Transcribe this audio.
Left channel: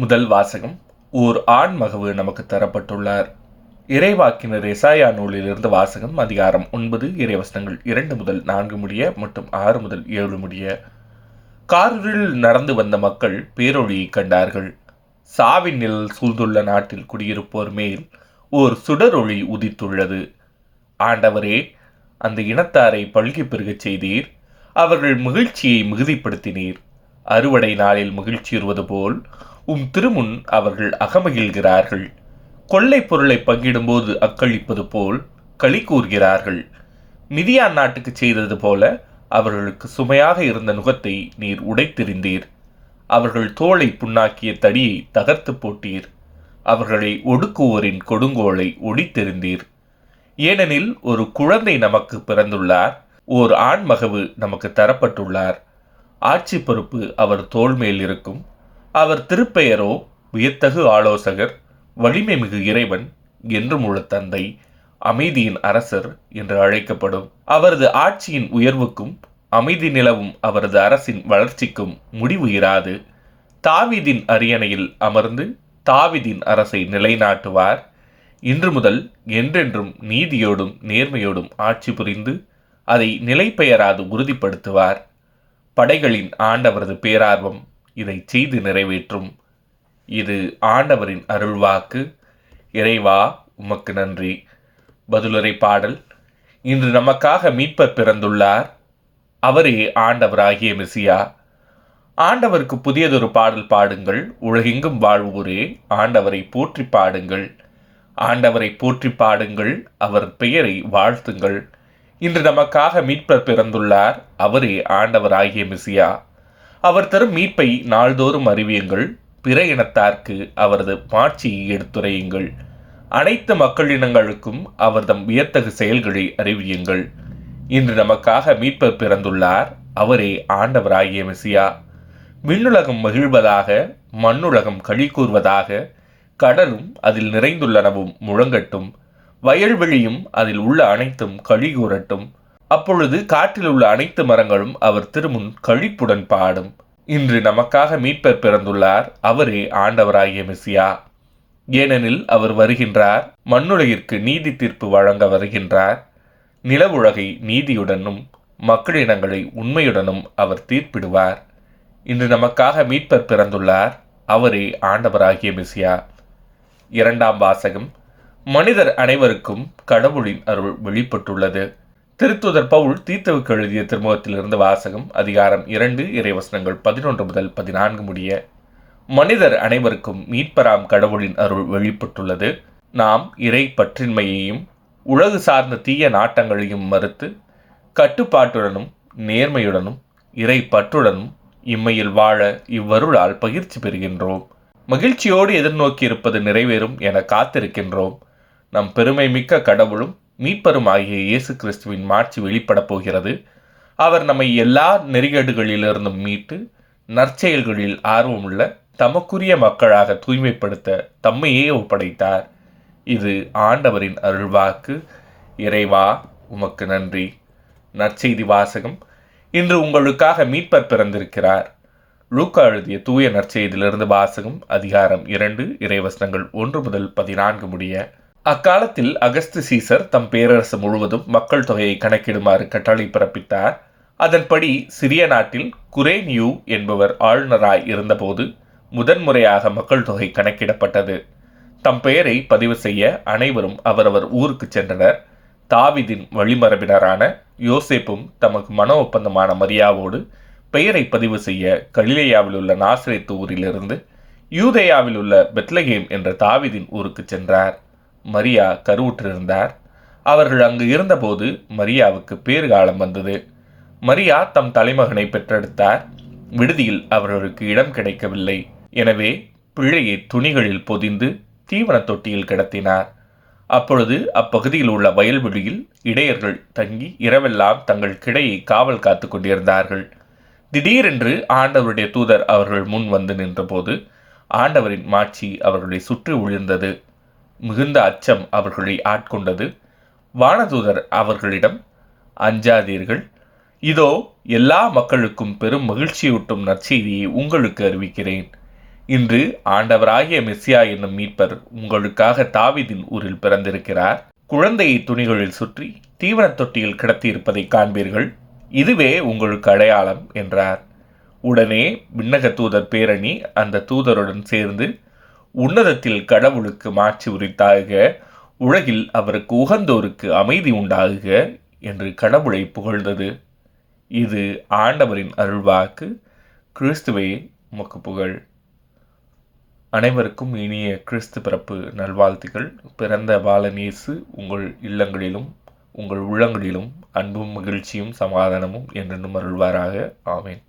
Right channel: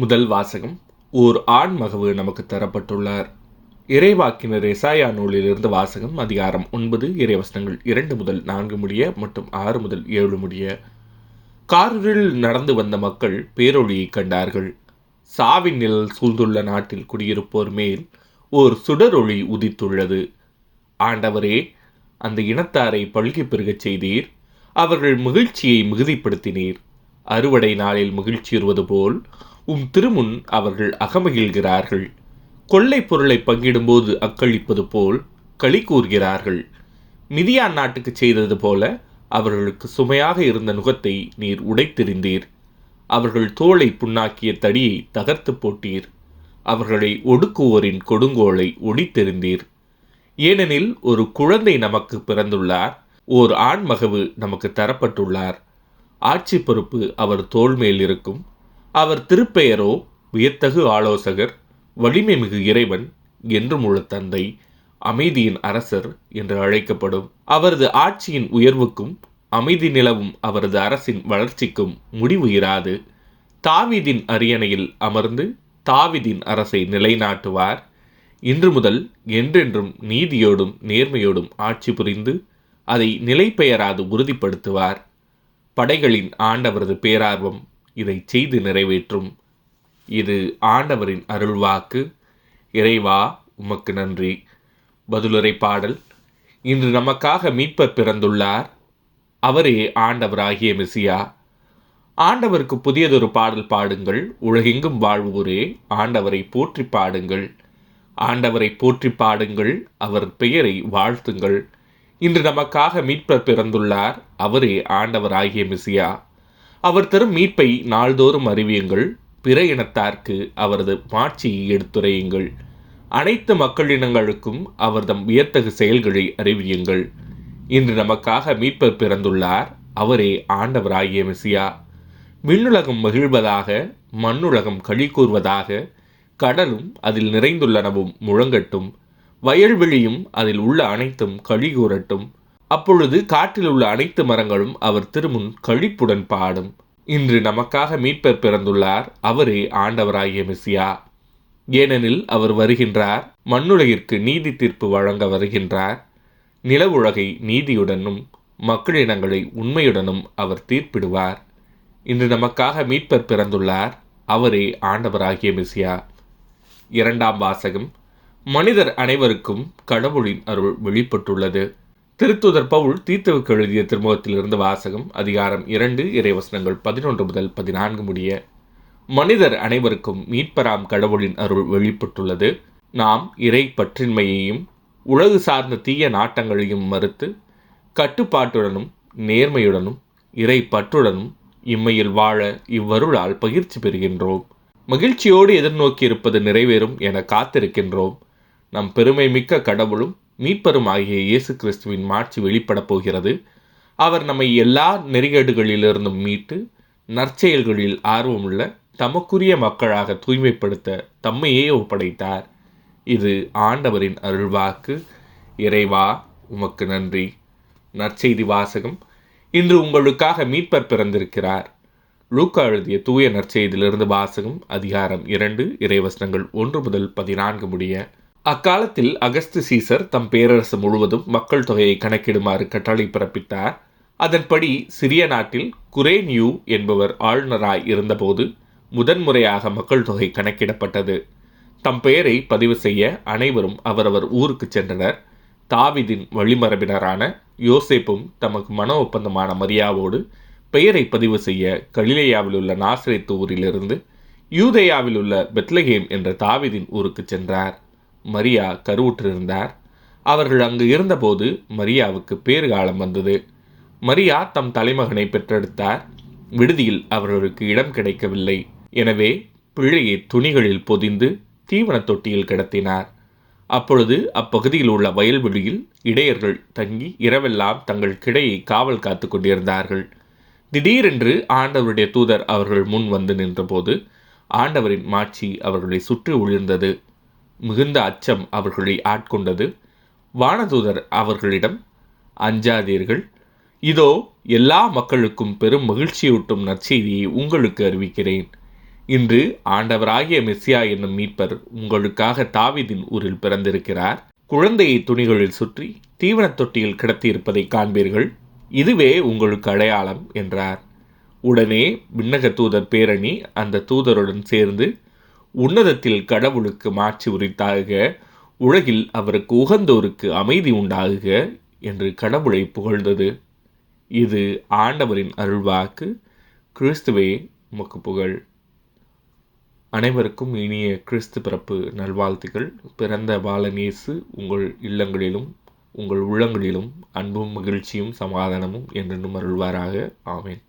முதல் வாசகம். ஓர் ஆண் மகவு நமக்கு தரப்பட்டுள்ளார். இறைவாக்கினர் எசாயா நூலிலிருந்து வாசகம். அதிகாரம் 9, இறைவசனங்கள் 2 முதல் 4 முடிய மற்றும் 6 முதல் 7 முடிய. காரில் நடந்து வந்த மக்கள் பேரொளியை கண்டார்கள். சாவின் நிழல் சூழ்ந்துள்ள நாட்டில் குடியிருப்போர் மேல் ஓர் சுடரொளி உதித்துள்ளது. ஆண்டவரே, அந்த இனத்தாரை பல்கி பெருகச் செய்தீர். அவர்கள் மகிழ்ச்சியை மிகுதிப்படுத்தினீர். அறுவடை நாளில் மகிழ்ச்சியுறுவது போல் திருமுன் அவர்கள் அகமகிழ்கிறார்கள். கொள்ளை பொருளை பங்கிடும்போது அக்களிப்பது போல் களி கூறுகிறார்கள். மிதியான் நாட்டுக்கு செய்தது போல அவர்களுக்கு சுமையாக இருந்த நுகத்தை நீர் உடைத்தெறிந்தீர். அவர்கள் தோளை புண்ணாக்கிய தடியை தகர்த்து போட்டீர். அவர்களை ஒடுக்குவோரின் கொடுங்கோலை ஒடித்தெறிந்தீர். ஏனெனில் ஒரு குழந்தை நமக்கு பிறந்துள்ளார், ஓர் ஆண்மகவு நமக்கு தரப்பட்டுள்ளார். ஆட்சி பொறுப்பு அவர் தோள் மேல் இருக்கும். அவர் திருப்பெயரோ வியத்தகு ஆலோசகர், வலிமை மிகு இறைவன், என்றும் உள்ள தந்தை, அமைதியின் அரசர் என்று அழைக்கப்படும். அவரது ஆட்சியின் உயர்வுக்கும் அமைதி நிலவும் அவரது அரசின் வளர்ச்சிக்கும் முடிவு இராது. தாவீதின் அரியணையில் அமர்ந்து தாவீதின் அரசை நிலைநாட்டுவார். இன்று முதல் என்றென்றும் நீதியோடும் நேர்மையோடும் ஆட்சி புரிந்து அதை நிலைபெயராது உறுதிப்படுத்துவார். படைகளின் ஆண்டவரது பேரார்வம் இதை செய்து நிறைவேற்றும். இது ஆண்டவரின் அருள்வாக்கு. இறைவா, உமக்கு நன்றி. பதிலுரை பாடல். இன்று நமக்காக மீட்பர் பிறந்துள்ளார். அவரே ஆண்டவராகிய மெசியா. ஆண்டவருக்கு புதியதொரு பாடல் பாடுங்கள். உலகெங்கும் வாழ்வோரே, ஆண்டவரை போற்றி பாடுங்கள். ஆண்டவரை போற்றி பாடுங்கள், அவர் பெயரை வாழ்த்துங்கள். இன்று நமக்காக மீட்பர் பிறந்துள்ளார். அவரே ஆண்டவராகிய மெசியா. அவர் தரும் மீட்பை நாள்தோறும் அறிவியுங்கள். பிற இனத்தார்க்கு அவரது மாட்சியை எடுத்துரையுங்கள். அனைத்து மக்களினங்களுக்கும் அவர்தம் வியத்தகு செயல்களை அறிவியுங்கள். இன்று நமக்காக மீட்பர் பிறந்துள்ளார். அவரே ஆண்டவராகிய மெசியா. விண்ணுலகம் மகிழ்வதாக, மண்ணுலகம் களி கூர்வதாக. கடலும் அதில் நிறைந்துள்ளனவும் முழங்கட்டும். வயல்வெளியும் அதில் உள்ள அனைத்தும் களி கூறட்டும். அப்பொழுது காட்டில் உள்ள அனைத்து மரங்களும் அவர் திருமுன் களிப்புடன் பாடும். இன்று நமக்காக மீட்பர் பிறந்துள்ளார். அவரே ஆண்டவராகிய மெசியா. ஏனெனில் அவர் வருகின்றார், மண்ணுலகிற்கு நீதி தீர்ப்பு வழங்க வருகின்றார். நிலவுலகை நீதியுடனும் மக்களினங்களை உண்மையுடனும் அவர் தீர்ப்பிடுவார். இன்று நமக்காக மீட்பர் பிறந்துள்ளார். அவரே ஆண்டவராகிய மெசியா. இரண்டாம் வாசகம். மனிதர் அனைவருக்கும் கடவுளின் அருள் வெளிப்பட்டுள்ளது. திருத்தூதர் பவுல் தீத்துவுக்கு எழுதிய திருமுகத்திலிருந்து வாசகம். அதிகாரம் 2, இறைவசனங்கள் 11 முதல் 14 முடிய. மனிதர் அனைவருக்கும் மீட்பராம் கடவுளின் அருள் வெளிப்பட்டுள்ளது. நாம் இறை பற்றின்மையையும் உலகு சார்ந்த தீய நாட்டங்களையும் மறுத்து கட்டுப்பாட்டுடனும் நேர்மையுடனும் இறை பற்றுடனும் இம்மையில் வாழ இவ்வருளால் பகிர்ச்சி பெறுகின்றோம். மகிழ்ச்சியோடு எதிர்நோக்கியிருப்பது நிறைவேறும் என காத்திருக்கின்றோம். நம் பெருமை மிக்க கடவுளும் மீட்பரும் ஆகிய இயேசு கிறிஸ்துவின் மாட்சி வெளிப்படப் போகிறது. அவர் நம்மை எல்லா நெறிகேடுகளிலிருந்தும் மீட்டு நற்செயல்களில் ஆர்வமுள்ள தமக்குரிய மக்களாக தூய்மைப்படுத்த தம்மையே ஒப்படைத்தார். இது ஆண்டவரின் அருள்வாக்கு. இறைவா, உமக்கு நன்றி. நற்செய்தி வாசகம். இன்று உங்களுக்காக மீட்பர் பிறந்திருக்கிறார். லூக்கா எழுதிய தூய நற்செய்தியிலிருந்து வாசகம். அதிகாரம் 2, இறைவசனங்கள் 1 முதல் 14 முடிய. அக்காலத்தில் அகஸ்து சீசர் தம் பேரரசு முழுவதும் மக்கள் தொகையை கணக்கிடுமாறு கட்டளை பிறப்பித்தார். அதன்படி சிறிய நாட்டில் குரேனியூ என்பவர் ஆளுநராய் இருந்தபோது முதன்முறையாக மக்கள் தொகை கணக்கிடப்பட்டது. தம் பெயரை பதிவு செய்ய அனைவரும் அவரவர் ஊருக்கு சென்றனர். தாவீதின் வழிமரபினரான யோசேப்பும் தமக்கு மன ஒப்பந்தமான மரியாவோடு பெயரை பதிவு செய்ய கலிலேயாவில் உள்ள நாசரேத்து ஊரிலிருந்து யூதேயாவில் உள்ள பெத்லகேம் என்ற தாவீதின் ஊருக்கு சென்றார். மரியா கருவுற்றிருந்தார். அவர்கள் அங்கு இருந்தபோது மரியாவுக்கு பேறுகாலம் வந்தது. மரியா தம் தலைமகனை பெற்றெடுத்தார். விடுதியில் அவர்களுக்கு இடம் கிடைக்கவில்லை. எனவே பிள்ளையை துணிகளில் பொதிந்து தீவன தொட்டியில் கிடத்தினார். அப்பொழுது அப்பகுதியில் உள்ள வயல்வெளியில் இடையர்கள் தங்கி இரவெல்லாம் தங்கள் கிடையை காவல் காத்து கொண்டிருந்தார்கள். திடீரென்று ஆண்டவருடைய தூதர் அவர்கள் முன் வந்து நின்றபோது ஆண்டவரின் மாட்சி அவர்களை சுற்றி உழிர்ந்தது. மிகுந்த அச்சம் அவர்களை ஆட்கொண்டது. வானதூதர் அவர்களிடம், அஞ்சாதீர்கள், இதோ எல்லா மக்களுக்கும் பெரும் மகிழ்ச்சியூட்டும் நற்செய்தியை உங்களுக்கு அறிவிக்கிறேன். இன்று ஆண்டவராகிய மெசியா என்னும் மீட்பர் உங்களுக்காக தாவீதின் ஊரில் பிறந்திருக்கிறார். குழந்தையை துணிகளில் சுற்றி தீவனத் தொட்டியில் கிடத்தியிருப்பதை காண்பீர்கள். இதுவே உங்களுக்கு அடையாளம் என்றார். உடனே விண்ணக தூதர் பேரணி அந்த தூதருடன் சேர்ந்து, உன்னதத்தில் கடவுளுக்கு மாட்சி உரித்தாக, உலகில் அவருக்கு உகந்தோருக்கு அமைதி உண்டாகுக என்று கடவுளை புகழ்ந்தது. இது ஆண்டவரின் அருள்வாக்கு. கிறிஸ்துவே உமக்கு புகழ். அனைவருக்கும் இனிய கிறிஸ்து பிறப்பு நல்வாழ்த்துக்கள். பிறந்த பாலன் இயேசு உங்கள் இல்லங்களிலும் உங்கள் உள்ளங்களிலும் அன்பும் மகிழ்ச்சியும் சமாதானமும் என்றென்றும் அருள்வாராக. ஆமென்.